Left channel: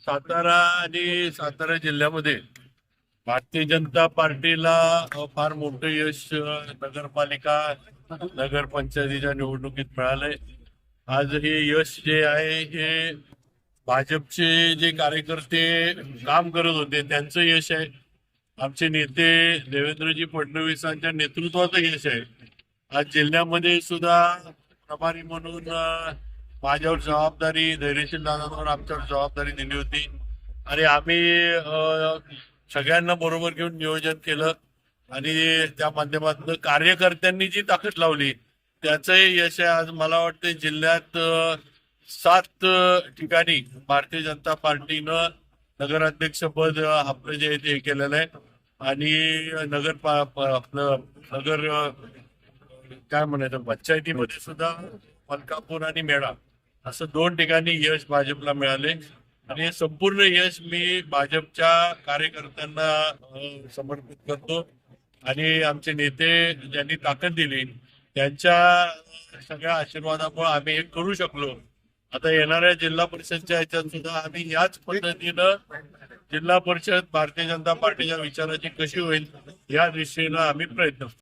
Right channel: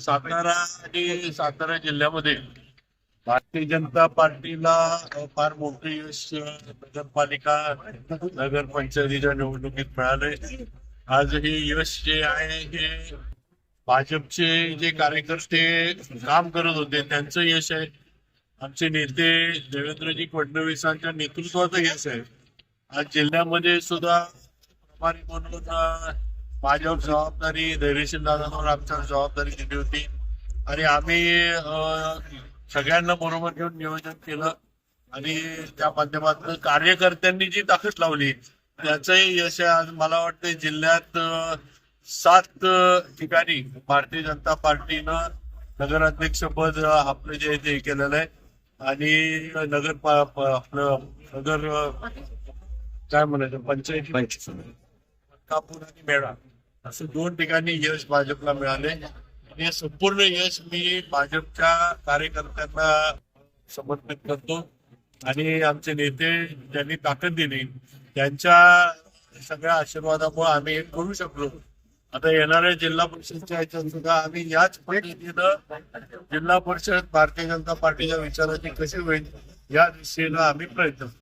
सातारा आणि सातारा जिल्ह्यामध्ये भारतीय जनता पार्टीला फार मोठं यश नगरपालिका नगरपंचायतीच्या निवडणुकीत मिळालंय. आज हे यश जे आहे हे भाजपचे जे कार्यकर्ते काम करत होते त्यांचं यश आहे. आमचे नेते देवेंद्रजी फडणवीसांच्या नेतृत्वाचं यश आहे. आज जिल्ह्यामध्ये सुद्धा प्रभारी म्हणून माझ्यावर जबाबदारी धैर्यशील दादांवर आमच्यावर जबाबदारी दिली होती. आणि आम्ही सगळ्यांना बरोबर घेऊन नियोजन केलं. आणि त्या माध्यमातून कार्यकर्त्यांनी जी ताकद लावली त्याचं यश आज मला वाटते जिल्ह्यात सात ठिकाणी भारतीय जनता पार्टीनं नगराध्यक्षपद अ, आपलं जे आहे ते हे केलेलं आहे. आणि नगर आपलं नगर काय म्हणायचं पंचायतीमध्ये सुद्धा मलकापूर आणि मेळा. असं दोन ठिकाणी यश भाजपला मिळाले. आणि हे संपूर्ण यश मी भाजपच्या कार्यकर्त्यांना समर्पित करतो. आणि आमचे नेते ज्यांनी ताकद दिली त्यांच्या सगळ्या आशीर्वादामुळे आम्ही हे करू शकलो. आता येणाऱ्या जिल्हा परिषदच्या ह्याच्यात सुद्धा आम्ही याच पद्धतीनं जिल्हा परिषद भारतीय जनता पार्टीच्या विचाराची कशी होईल या दृष्टीनं आम्ही प्रयत्न